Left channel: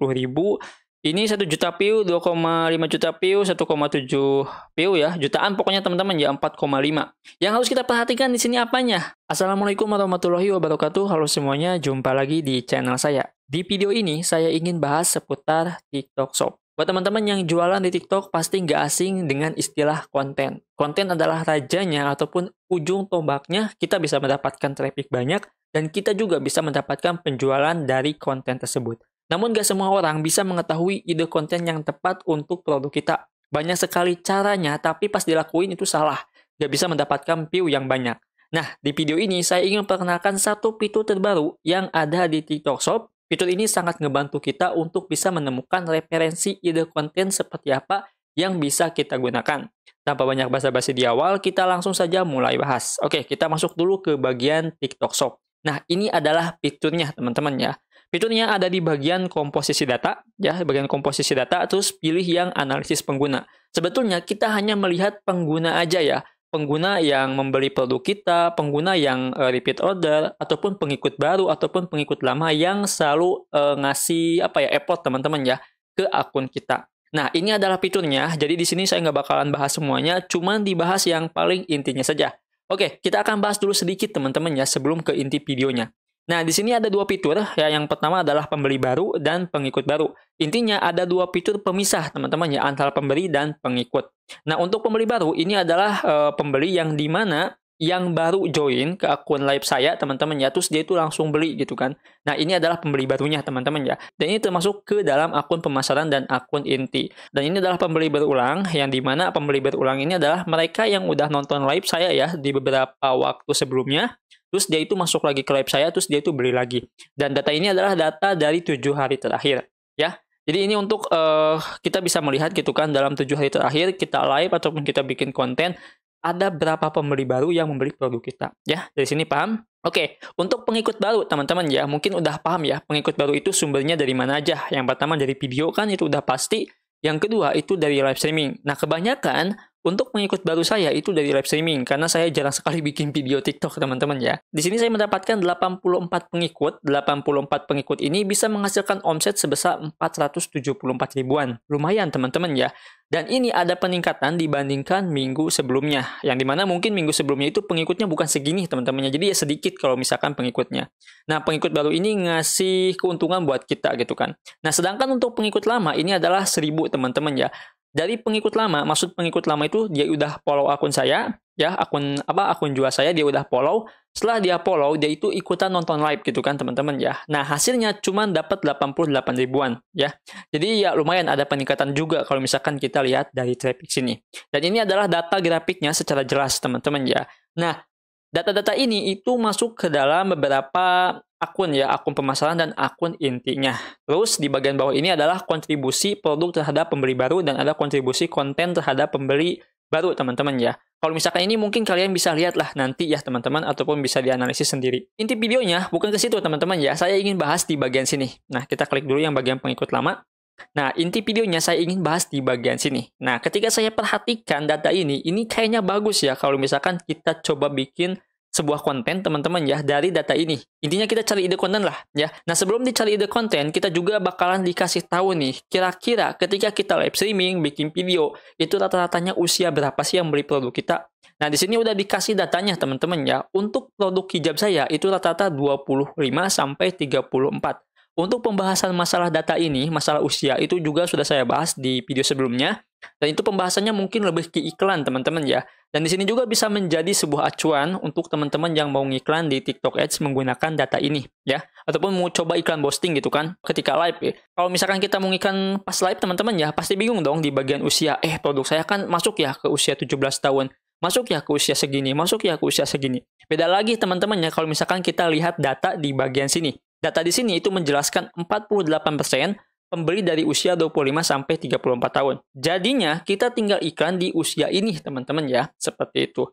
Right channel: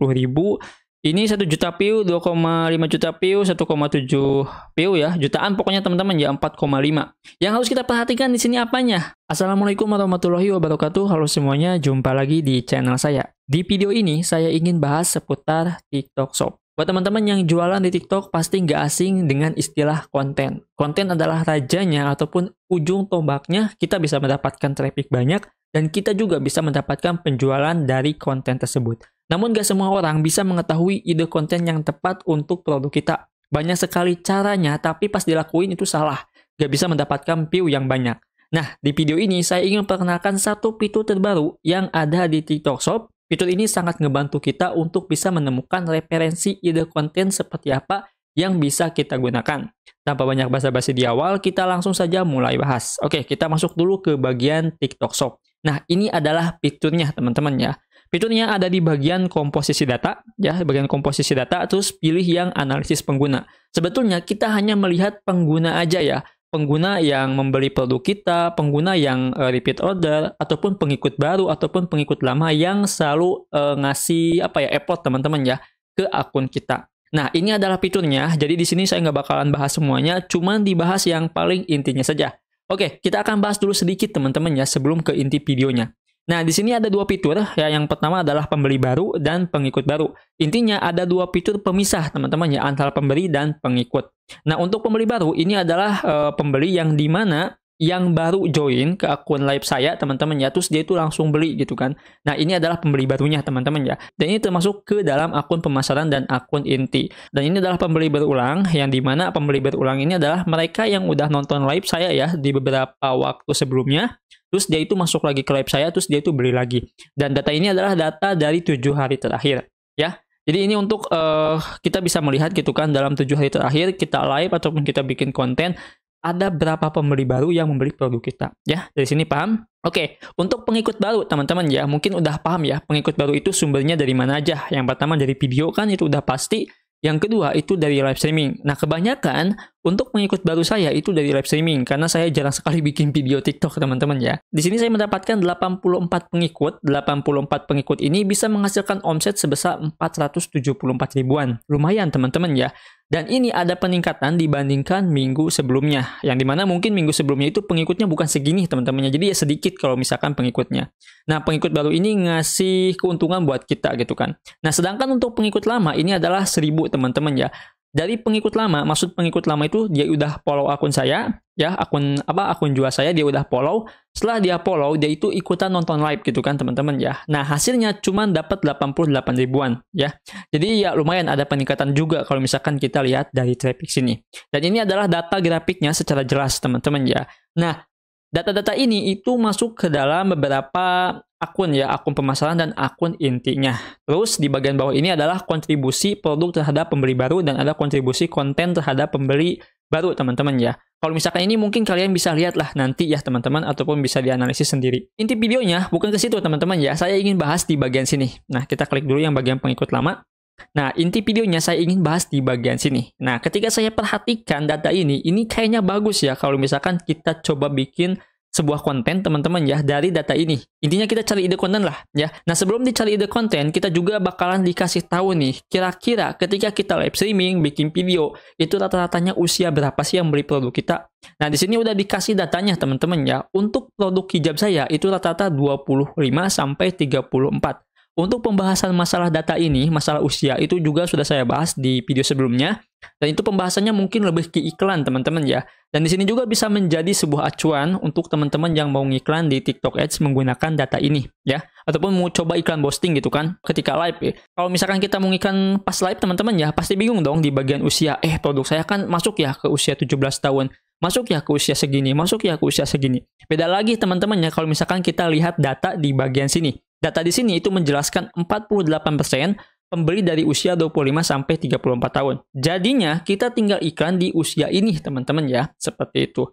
50.000. Ini 1 juta view, 2,5 juta view, 1,7 view ya. Jutaan pokoknya teman-teman ya, 4,5. Yang harus kita perhatikan di sini apanya? Assalamualaikum warahmatullahi wabarakatuh. Halo semuanya, jumpa lagi di channel saya. Di video ini saya ingin bahas seputar TikTok Shop. Buat teman-teman yang jualan di TikTok pasti nggak asing dengan istilah konten. Konten adalah rajanya ataupun ujung tombaknya, kita bisa mendapatkan traffic banyak dan kita juga bisa mendapatkan penjualan dari konten tersebut. Namun gak semua orang bisa mengetahui ide konten yang tepat untuk produk kita. Banyak sekali caranya, tapi pas dilakuin itu salah. Gak bisa mendapatkan view yang banyak. Nah, di video ini saya ingin perkenalkan satu fitur terbaru yang ada di TikTok Shop. Fitur ini sangat ngebantu kita untuk bisa menemukan referensi ide konten seperti apa yang bisa kita gunakan. Tanpa banyak basa-basi di awal, kita langsung saja mulai bahas. Oke, kita masuk dulu ke bagian TikTok Shop. Nah, ini adalah fiturnya teman-teman ya. Fiturnya ada di bagian komposisi data, ya, bagian komposisi data, terus pilih yang analisis pengguna. Sebetulnya kita hanya melihat pengguna aja ya, pengguna yang membeli produk kita, pengguna yang repeat order, ataupun pengikut baru, ataupun pengikut lama yang selalu ngasih effort teman-teman ya ke akun kita. Nah, ini adalah fiturnya, jadi di sini saya nggak bakalan bahas semuanya, cuman dibahas yang paling intinya saja. Oke, kita akan bahas dulu sedikit teman-teman ya sebelum ke inti videonya. Nah, di sini ada dua fitur, ya. Yang pertama adalah pembeli baru dan pengikut baru. Intinya ada dua fitur pemisah, teman-teman, ya, antara pembeli dan pengikut. Nah, untuk pembeli baru, ini adalah pembeli yang dimana yang baru join ke akun live saya, teman-teman, ya, terus dia itu langsung beli, gitu kan. Nah, ini adalah pembeli barunya, teman-teman, ya. Dan ini termasuk ke dalam akun pemasaran dan akun inti. Dan ini adalah pembeli berulang, yang dimana pembeli berulang ini adalah mereka yang udah nonton live saya, ya, di beberapa waktu sebelumnya. Terus dia itu masuk lagi ke live saya, terus dia itu beli lagi. Dan data ini adalah data dari 7 hari terakhir, ya. Jadi ini untuk kita bisa melihat gitu kan, dalam 7 hari terakhir kita live ataupun kita bikin konten, ada berapa pembeli baru yang membeli produk kita, ya. Dari sini paham? Oke, untuk pengikut baru teman-teman ya, mungkin udah paham ya, pengikut baru itu sumbernya dari mana aja. Yang pertama dari video kan, itu udah pasti. Yang kedua itu dari live streaming. Nah, kebanyakan untuk pengikut baru saya itu dari live streaming karena saya jarang sekali bikin video TikTok, teman-teman ya. Di sini saya mendapatkan 84 pengikut. 84 pengikut ini bisa menghasilkan omset sebesar 474 ribuan. Lumayan, teman-teman ya. Dan ini ada peningkatan dibandingkan minggu sebelumnya. Yang dimana mungkin minggu sebelumnya itu pengikutnya bukan segini, teman-teman ya. Jadi ya sedikit kalau misalkan pengikutnya. Nah, pengikut baru ini ngasih keuntungan buat kita gitu kan. Nah, sedangkan untuk pengikut lama ini adalah 1000, teman-teman ya. Dari pengikut lama, maksud pengikut lama itu dia udah follow akun saya, ya, akun jual saya dia udah follow. Setelah dia follow, dia itu ikutan nonton live gitu kan, teman-teman ya. Nah, hasilnya cuma dapat 88 ribuan, ya. Jadi ya lumayan ada peningkatan juga kalau misalkan kita lihat dari traffic sini. Dan ini adalah data grafiknya secara jelas, teman-teman ya. Nah, data-data ini itu masuk ke dalam beberapa akun ya, akun pemasaran dan akun intinya. Terus di bagian bawah ini adalah kontribusi produk terhadap pembeli baru dan ada kontribusi konten terhadap pembeli baru, teman-teman ya. Kalau misalkan ini mungkin kalian bisa lihat lah nanti ya, teman-teman, ataupun bisa dianalisis sendiri. Inti videonya bukan ke situ, teman-teman ya. Saya ingin bahas di bagian sini. Nah, kita klik dulu yang bagian pengikut lama. Nah, inti videonya saya ingin bahas di bagian sini. Nah, ketika saya perhatikan data ini kayaknya bagus ya kalau misalkan kita coba bikin sebuah konten, teman-teman ya, dari data ini. Intinya kita cari ide konten lah ya. Nah, sebelum dicari ide konten, kita juga bakalan dikasih tahu nih, kira-kira ketika kita live streaming, bikin video, itu rata-ratanya usia berapa sih yang beli produk kita. Nah, di sini udah dikasih datanya, teman-teman ya. Untuk produk hijab saya itu rata-rata 25 sampai 34. Untuk pembahasan masalah data ini, masalah usia itu juga sudah saya bahas di video sebelumnya. Dan itu pembahasannya mungkin lebih ke iklan, teman-teman ya. Dan di sini juga bisa menjadi sebuah acuan untuk teman-teman yang mau ngiklan di TikTok Ads menggunakan data ini ya. Ataupun mau coba iklan boosting gitu kan ketika live ya. Kalau misalkan kita mau ngiklan pas live, teman-teman ya, pasti bingung dong di bagian usia. Produk saya kan masuk ya ke usia 17 tahun. Masuk ya ke usia segini, masuk ya ke usia segini. Beda lagi, teman-teman ya, kalau misalkan kita lihat data di bagian sini. Data di sini itu menjelaskan 48% pembeli dari usia 25 sampai 34 tahun. Jadinya kita tinggal iklan di usia ini, teman-teman ya, seperti itu.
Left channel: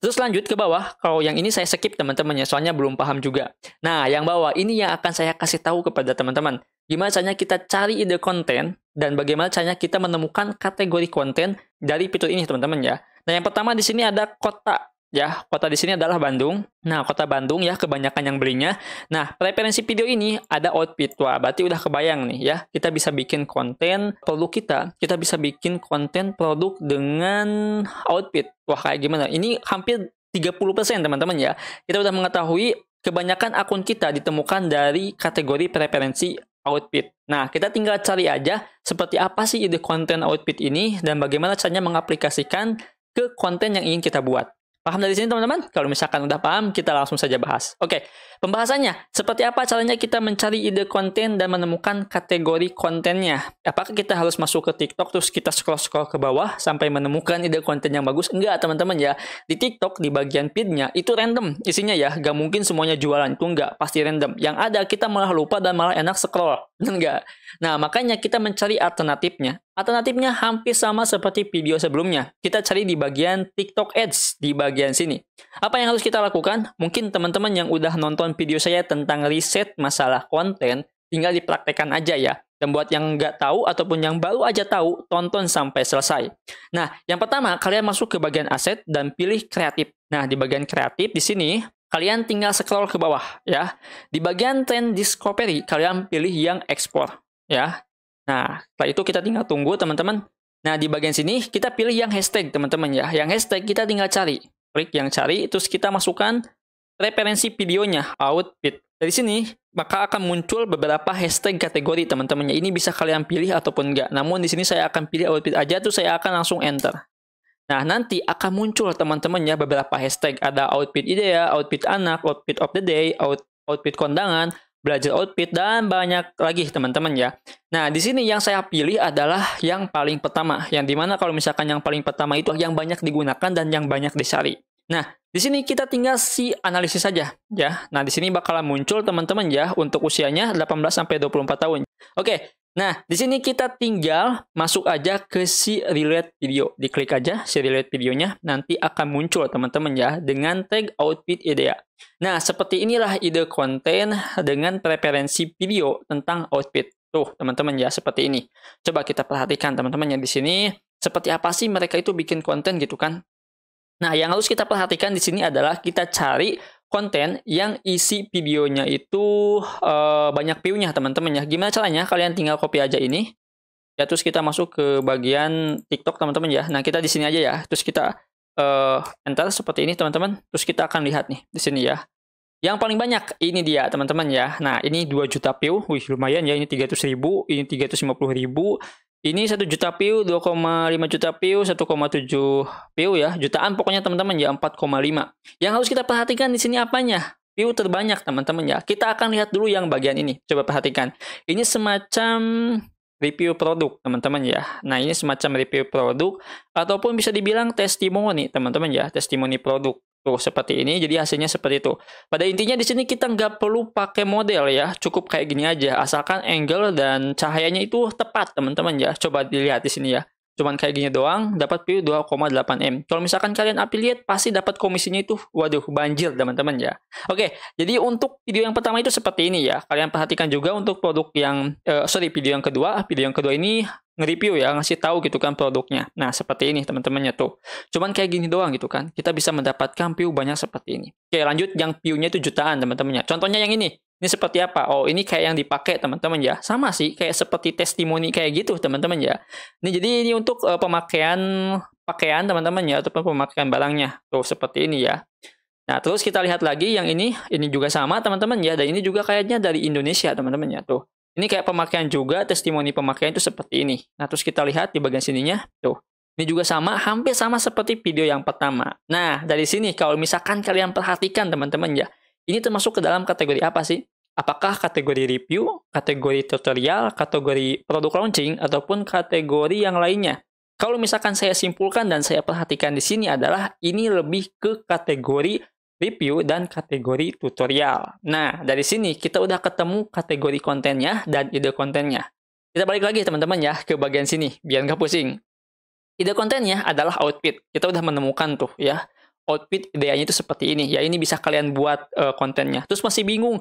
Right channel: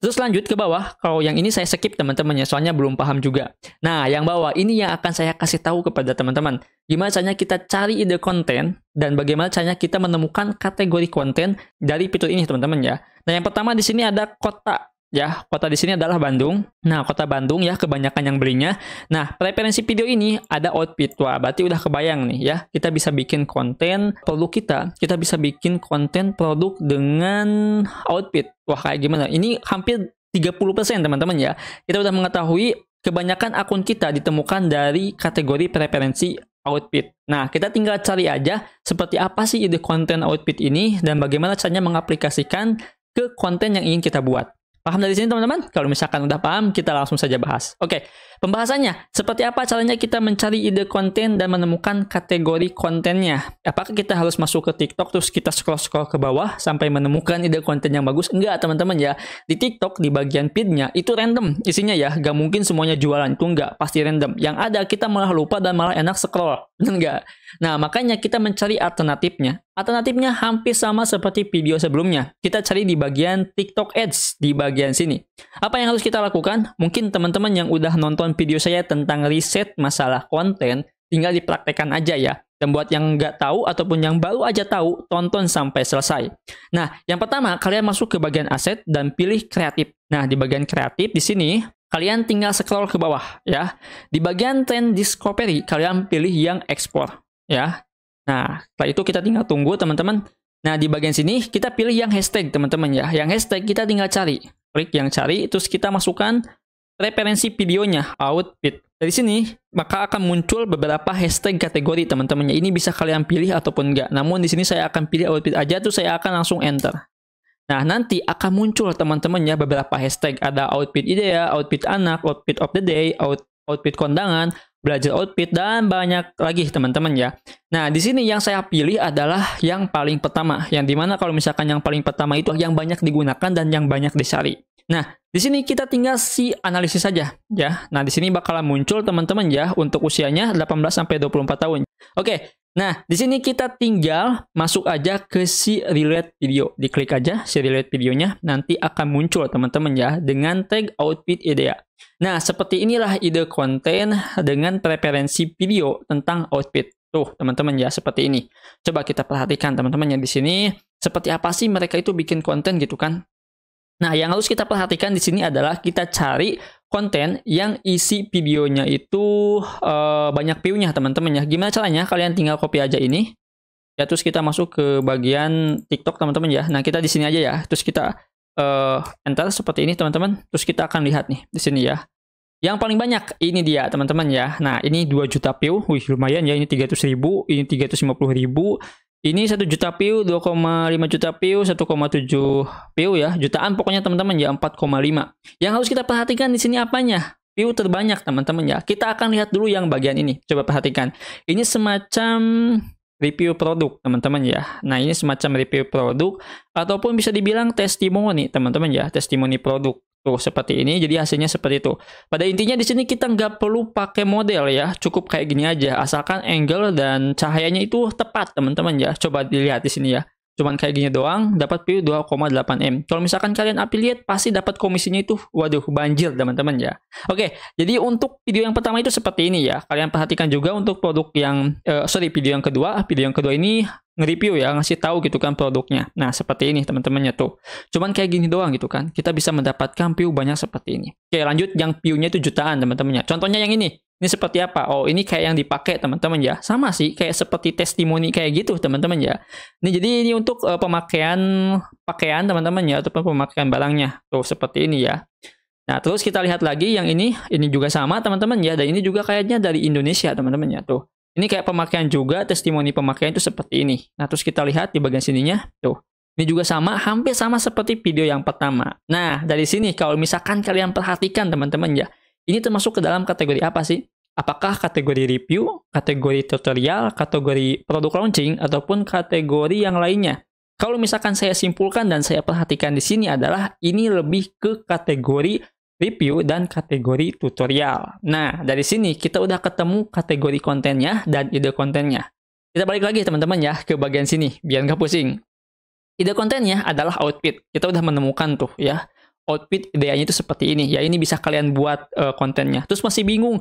Terus lanjut ke bawah, kalau yang ini saya skip teman-teman ya, soalnya belum paham juga. Nah, yang bawah ini yang akan saya kasih tahu kepada teman-teman. Gimana caranya kita cari ide konten, dan bagaimana caranya kita menemukan kategori konten dari fitur ini, teman-teman ya. Nah, yang pertama di sini ada kota. ya. Kota di sini adalah Bandung. Nah, kota Bandung ya kebanyakan yang belinya. Nah, preferensi video ini ada outfit. Wah, berarti udah kebayang nih ya. Kita bisa bikin konten produk kita. Kita bisa bikin konten produk dengan outfit. Wah, kayak gimana? Ini hampir 30% teman-teman ya. Kita udah mengetahui kebanyakan akun kita ditemukan dari kategori preferensi outfit. Nah, kita tinggal cari aja seperti apa sih ide konten outfit ini dan bagaimana caranya mengaplikasikan ke konten yang ingin kita buat. Paham dari sini teman-teman? Kalau misalkan udah paham, kita langsung saja bahas. Oke, pembahasannya. Seperti apa caranya kita mencari ide konten dan menemukan kategori kontennya? Apakah kita harus masuk ke TikTok terus kita scroll-scroll ke bawah sampai menemukan ide konten yang bagus? Enggak teman-teman ya. Di TikTok, di bagian feed-nya, itu random isinya ya. Gak mungkin semuanya jualan. Itu enggak, pasti random. Yang ada kita malah lupa dan malah enak scroll. Enggak. Nah, makanya kita mencari alternatifnya. Alternatifnya hampir sama seperti video sebelumnya. Kita cari di bagian TikTok Ads, di bagian sini. Apa yang harus kita lakukan? Mungkin teman-teman yang udah nonton video saya tentang riset masalah konten, tinggal dipraktekkan aja ya. Dan buat yang nggak tahu ataupun yang baru aja tahu, tonton sampai selesai. Nah, yang pertama, kalian masuk ke bagian aset dan pilih kreatif. Nah, di bagian kreatif di sini, kalian tinggal scroll ke bawah ya. Di bagian trend discovery, kalian pilih yang ekspor ya. Nah, setelah itu kita tinggal tunggu teman-teman. Nah, di bagian sini kita pilih yang hashtag teman-teman ya. Yang hashtag kita tinggal cari. Klik yang cari, terus kita masukkan referensi videonya, outfit. Dari sini, maka akan muncul beberapa hashtag kategori teman-teman ya. Ini bisa kalian pilih ataupun enggak. Namun di sini saya akan pilih outfit aja, terus saya akan langsung enter. Nah, nanti akan muncul teman-teman ya beberapa hashtag. Ada outfit idea, outfit anak, outfit of the day, outfit kondangan, belajar outfit, dan banyak lagi teman-teman ya. Nah, di sini yang saya pilih adalah yang paling pertama. Yang dimana kalau misalkan yang paling pertama itu yang banyak digunakan dan yang banyak dicari. Nah, di sini kita tinggal analisis saja ya. Nah, di sini bakalan muncul teman-teman ya untuk usianya 18-24 tahun. Oke. Nah, di sini kita tinggal masuk aja ke relate video. Diklik aja relate videonya, nanti akan muncul teman-teman ya dengan tag outfit idea. Nah, seperti inilah ide konten dengan preferensi video tentang outfit. Tuh, teman-teman ya, seperti ini. Coba kita perhatikan teman-teman ya di sini seperti apa sih mereka itu bikin konten gitu kan. Nah, yang harus kita perhatikan di sini adalah kita cari konten yang isi videonya itu banyak view-nya teman-teman ya. Gimana caranya? Kalian tinggal copy aja ini. Ya, terus kita masuk ke bagian TikTok teman-teman ya. Nah, kita di sini aja ya. Terus kita enter seperti ini teman-teman. Terus kita akan lihat nih di sini ya. Yang paling banyak ini dia teman-teman ya. Nah, ini 2 juta view. Wih, lumayan ya. Ini 300.000, ini 350.000. Ini 1 juta view, 2,5 juta view, 1,7 view ya. Jutaan pokoknya teman-teman ya, 4,5. Yang harus kita perhatikan di sini apanya? View terbanyak teman-teman ya. Kita akan lihat dulu yang bagian ini. Coba perhatikan. Ini semacam review produk teman-teman ya. Nah, ini semacam review produk ataupun bisa dibilang testimoni teman-teman ya. Testimoni produk. Tuh, seperti ini. Jadi hasilnya seperti itu. Pada intinya di sini kita nggak perlu pakai model ya. Cukup kayak gini aja. Asalkan angle dan cahayanya itu tepat teman-teman ya. Coba dilihat di sini ya. Cuman kayak gini doang, dapat view 2,8 M. Kalau misalkan kalian affiliate, pasti dapat komisinya itu, waduh, banjir teman-teman ya. Oke, jadi untuk video yang pertama itu seperti ini ya. Kalian perhatikan juga untuk produk yang, video yang kedua. Video yang kedua ini nge-review ya, ngasih tahu gitu kan produknya. Nah, seperti ini teman-temannya tuh. Cuman kayak gini doang gitu kan. Kita bisa mendapatkan view banyak seperti ini. Oke, lanjut yang view-nya itu jutaan teman-temannya. Contohnya yang ini. Ini seperti apa? Oh, ini kayak yang dipakai teman-teman ya. Sama sih, kayak seperti testimoni kayak gitu teman-teman ya. Jadi ini untuk pemakaian pakaian teman-teman ya, ataupun pemakaian barangnya. Tuh, seperti ini ya. Nah, terus kita lihat lagi yang ini juga sama teman-teman ya. Dan ini juga kayaknya dari Indonesia teman-teman ya. Tuh, ini kayak pemakaian juga, testimoni pemakaian itu seperti ini. Nah, terus kita lihat di bagian sininya. Tuh, ini juga sama, hampir sama seperti video yang pertama. Nah, dari sini kalau misalkan kalian perhatikan teman-teman ya. Ini termasuk ke dalam kategori apa sih? Apakah kategori review, kategori tutorial, kategori produk launching, ataupun kategori yang lainnya? Kalau misalkan saya simpulkan dan saya perhatikan di sini adalah ini lebih ke kategori review dan kategori tutorial. Nah, dari sini kita udah ketemu kategori kontennya dan ide kontennya. Kita balik lagi teman-teman ya ke bagian sini, biar nggak pusing. Ide kontennya adalah outfit. Kita udah menemukan tuh ya. Outfit ideanya itu seperti ini. Ya, ini bisa kalian buat kontennya. Terus masih bingung,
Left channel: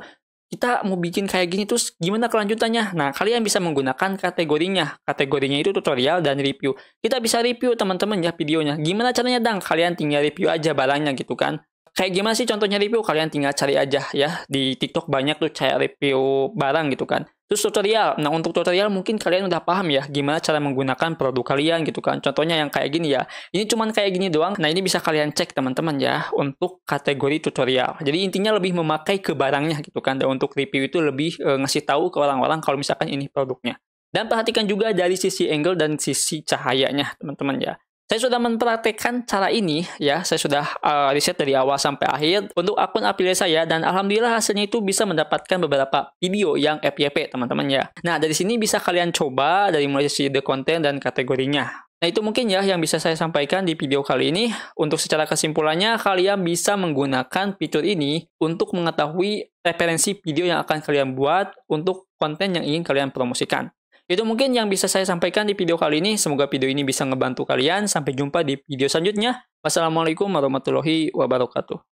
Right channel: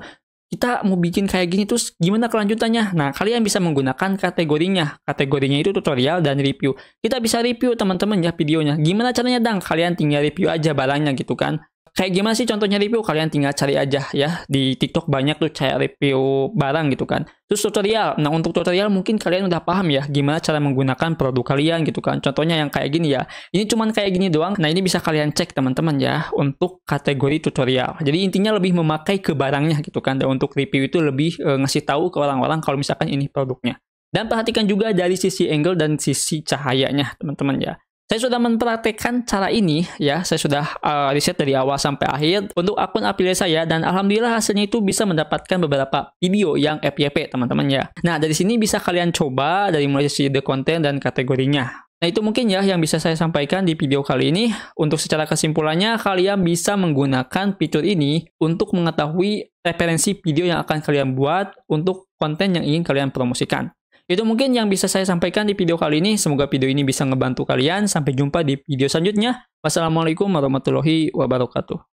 kita mau bikin kayak gini terus gimana kelanjutannya? Nah, kalian bisa menggunakan kategorinya. Kategorinya itu tutorial dan review. Kita bisa review teman-teman ya videonya. Gimana caranya dang? Kalian tinggal review aja barangnya gitu kan. Kayak gimana sih contohnya review? Kalian tinggal cari aja ya. Di TikTok banyak tuh kayak review barang gitu kan. Terus tutorial. Nah, untuk tutorial mungkin kalian udah paham ya gimana cara menggunakan produk kalian gitu kan. Contohnya yang kayak gini ya. Ini cuman kayak gini doang. Nah, ini bisa kalian cek teman-teman ya untuk kategori tutorial. Jadi intinya lebih memakai ke barangnya gitu kan. Dan untuk review itu lebih ngasih tahu ke orang-orang kalau misalkan ini produknya. Dan perhatikan juga dari sisi angle dan sisi cahayanya teman-teman ya. Saya sudah mempraktekkan cara ini ya, saya sudah riset dari awal sampai akhir untuk akun affiliate saya dan alhamdulillah hasilnya itu bisa mendapatkan beberapa video yang FYP teman-teman ya. Nah, dari sini bisa kalian coba dari mulai sisi ide konten dan kategorinya. Nah, itu mungkin ya yang bisa saya sampaikan di video kali ini. Untuk secara kesimpulannya, kalian bisa menggunakan fitur ini untuk mengetahui referensi video yang akan kalian buat untuk konten yang ingin kalian promosikan. Itu mungkin yang bisa saya sampaikan di video kali ini. Semoga video ini bisa ngebantu kalian. Sampai jumpa di video selanjutnya. Wassalamualaikum warahmatullahi wabarakatuh.